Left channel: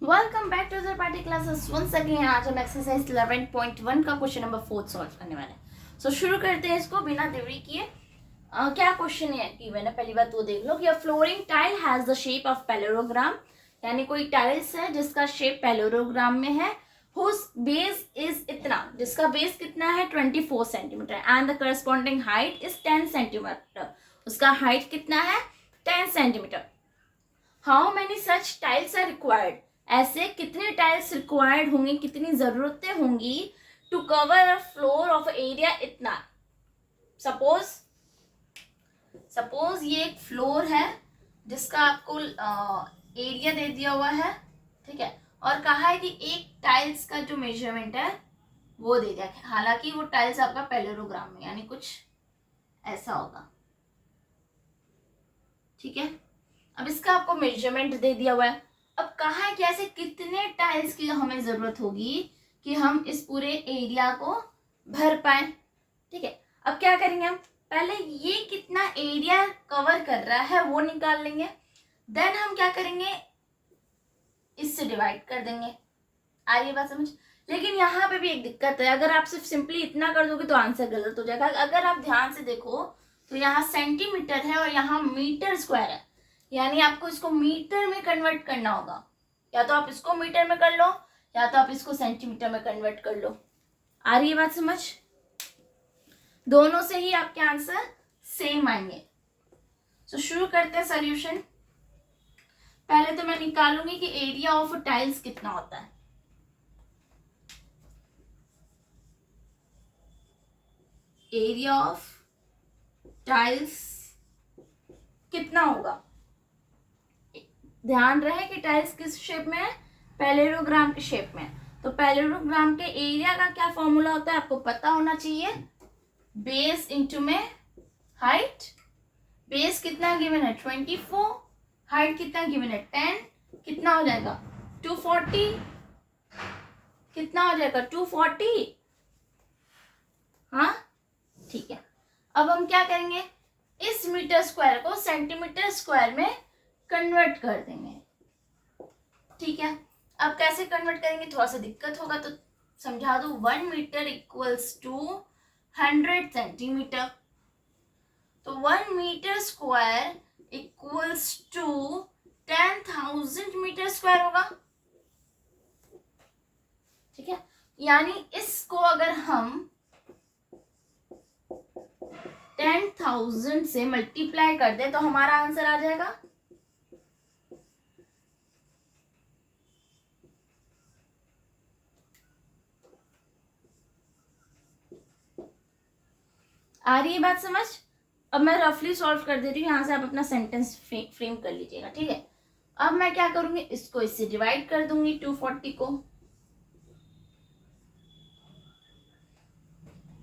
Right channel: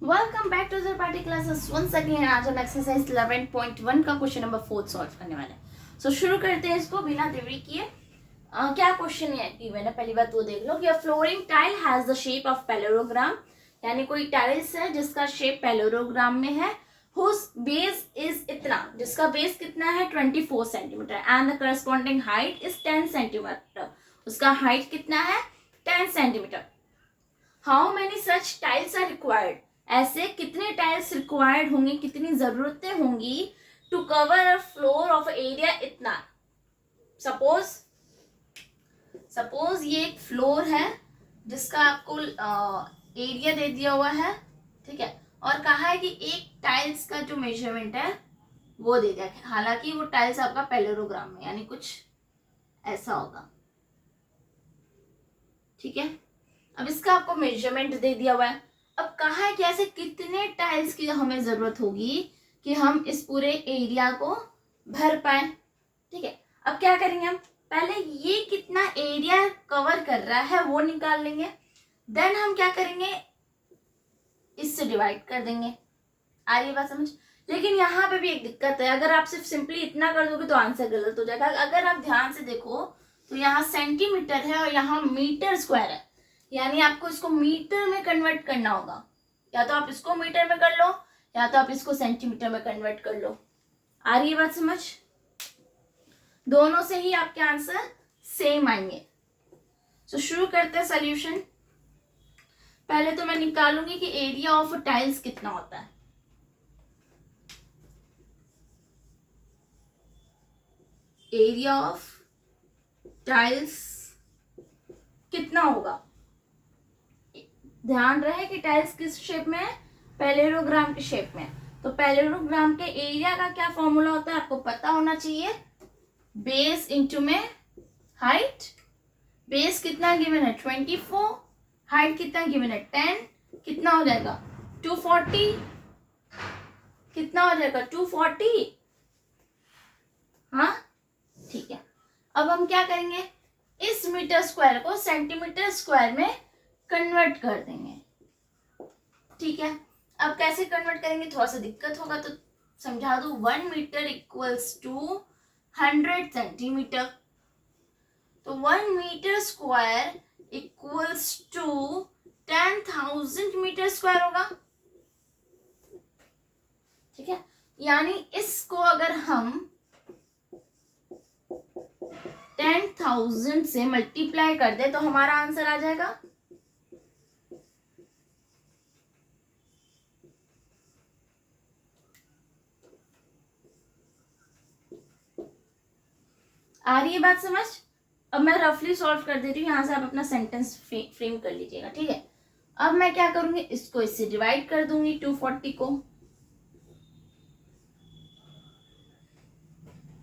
Welcome back to the party classes once again. आज हम exercise 11.1 का क्वेश्चन नंबर 4 सॉल्व करने वाले हैं। सो शुरू करते हैं इसको बिना देरी किए। क्या क्वेश्चन है कि मैंने पहली बात वो देख लो कि a flooring tile has the shape of parallelogram, यानी कोई टाइल्स है जिसका शेप पैरेललोग्राम में है, हुज बेस इज इतना, जिसका बेस कितना है 24 centimetre and the corresponding height is 10 centimetre, उसका हाइट कितना है 10 centimetre. How many such tiles are required, ऐसे कितने टाइल्स रिक्वायर्ड होंगे, कितनी जरूरतें होंगी to cover a floor of area इतना। सपोज ये एक फ्लोर है जिसका आपको एरिया दे दिया हुआ है, ठीक है, और कहा है कि एक टाइल्स का जो मेजरमेंट है वो दे दिया है। हालांकि वो टाइल्स आपका पैरेललोग्राम में, यानी कुछ ऐसा होगा, ठीक है। अब इसका आपको मेजरमेंट दे दिया हुआ है। अब कहा है कि ऐसे कितने टाइल्स की हमें जरूरत होगी कि हम इस पूरे एरिया को भर पाए, ठीक है। अब क्या करेंगे, हम पहले ये कितना एरिया कवर कर रहा है वो निकाल लेंगे, देन हम क्या करेंगे, इससे डिवाइड कर देंगे। आ रही बात समझ। लेकिन यहाँ पे भी एक दिक्कत है, अगर आप सिर्फ सिंपली इतना कर दोगे तो आंसर गलत हो जाएगा। अगर आप ध्यान से देखो तो यहाँ सेंटीमीटर है और यहाँ मीटर स्क्वायर है, यानी आपको इसको मीटर में कन्वर्ट करना होगा। या तो आप इसको मीटर में कर लो या तो आप इसको सेंटीमीटर में कन्वर्ट कर लो। आ रही है बात समझ। दोनों से ही आपके आंसर सेम आएंगे। तो शुरू करते हैं सॉल्यूशन। पहले तो मैं निकालूंगी कि एरिया ऑफ टाइल्स कितना होता है। एरिया ऑफ टाइल्स कितना होगा, ध्यान रहे कि टाइल्स किस शेप में है, पैरेललोग्राम के शेप में। तो पैरेललोग्राम के एरिया का क्या फॉर्मूला होता है आपको पता होना चाहिए, बेस इंटू में हाइट। बेस कितना गिवन है 24, हाइट कितना गिवन है 10, कितना हो जाएगा 240, कितना हो जाएगा 240। हाँ ठीक है। अब हम क्या करेंगे, इस मीटर स्क्वायर को सेंटीमीटर स्क्वायर में कन्वर्ट कर देंगे, ठीक है। अब कैसे कन्वर्ट करेंगे, थोड़ा सा दिक्कत होगा तो समझा दो। 1 मीटर इक्वल्स टू 100 सेंटीमीटर, तो 1 metre square equals to 10,000 metre square होगा, ठीक है। यानी इसको अगर हम 10,000 से मल्टीप्लाई कर दे तो हमारा आंसर आ जाएगा आ रही है बात समझ। अब मैं रफली सॉल्व कर देती हूँ, यहाँ से आप अपना सेंटेंस फ्रेम कर लीजिएगा, ठीक है। अब मैं क्या करूंगी, इसको इससे डिवाइड कर दूंगी 240 को।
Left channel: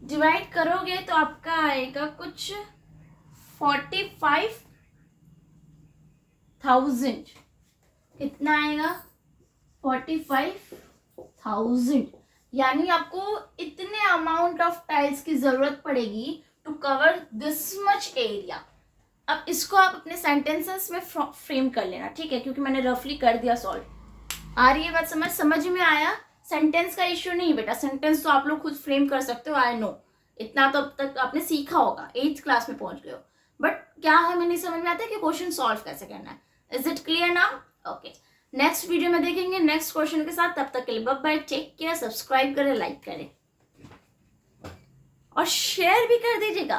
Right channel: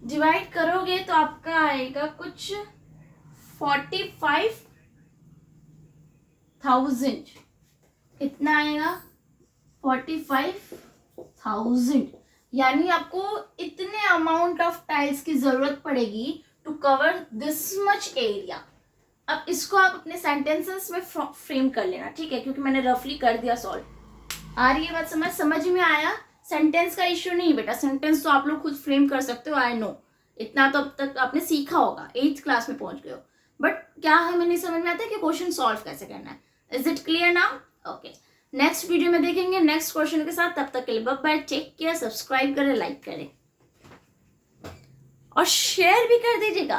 डिवाइड करोगे तो आपका आएगा कुछ 45,000। कितना आएगा 45,000, यानी आपको इतने अमाउंट ऑफ टाइल्स की जरूरत पड़ेगी to cover this much area. अब इसको आप अपने सेंटेंसेस में फ्रेम कर लेना, ठीक है, क्योंकि मैंने रफली कर दिया सॉल्व। आ रही है बात समझ में आया। सेंटेंस का इश्यू नहीं बेटा, सेंटेंस तो आप लोग खुद फ्रेम कर सकते हो, आई नो। इतना तो अब तक आपने सीखा होगा, 8th क्लास में पहुंच गए हो। बट क्या हमें नहीं समझ में आता है कि क्वेश्चन सॉल्व कैसे करना है। Is it clear now? Okay, next video में देखेंगे नेक्स्ट क्वेश्चन के साथ। तब तक के लिए bye bye, take care, subscribe करें, लाइक करें और शेयर भी कर दीजिएगा।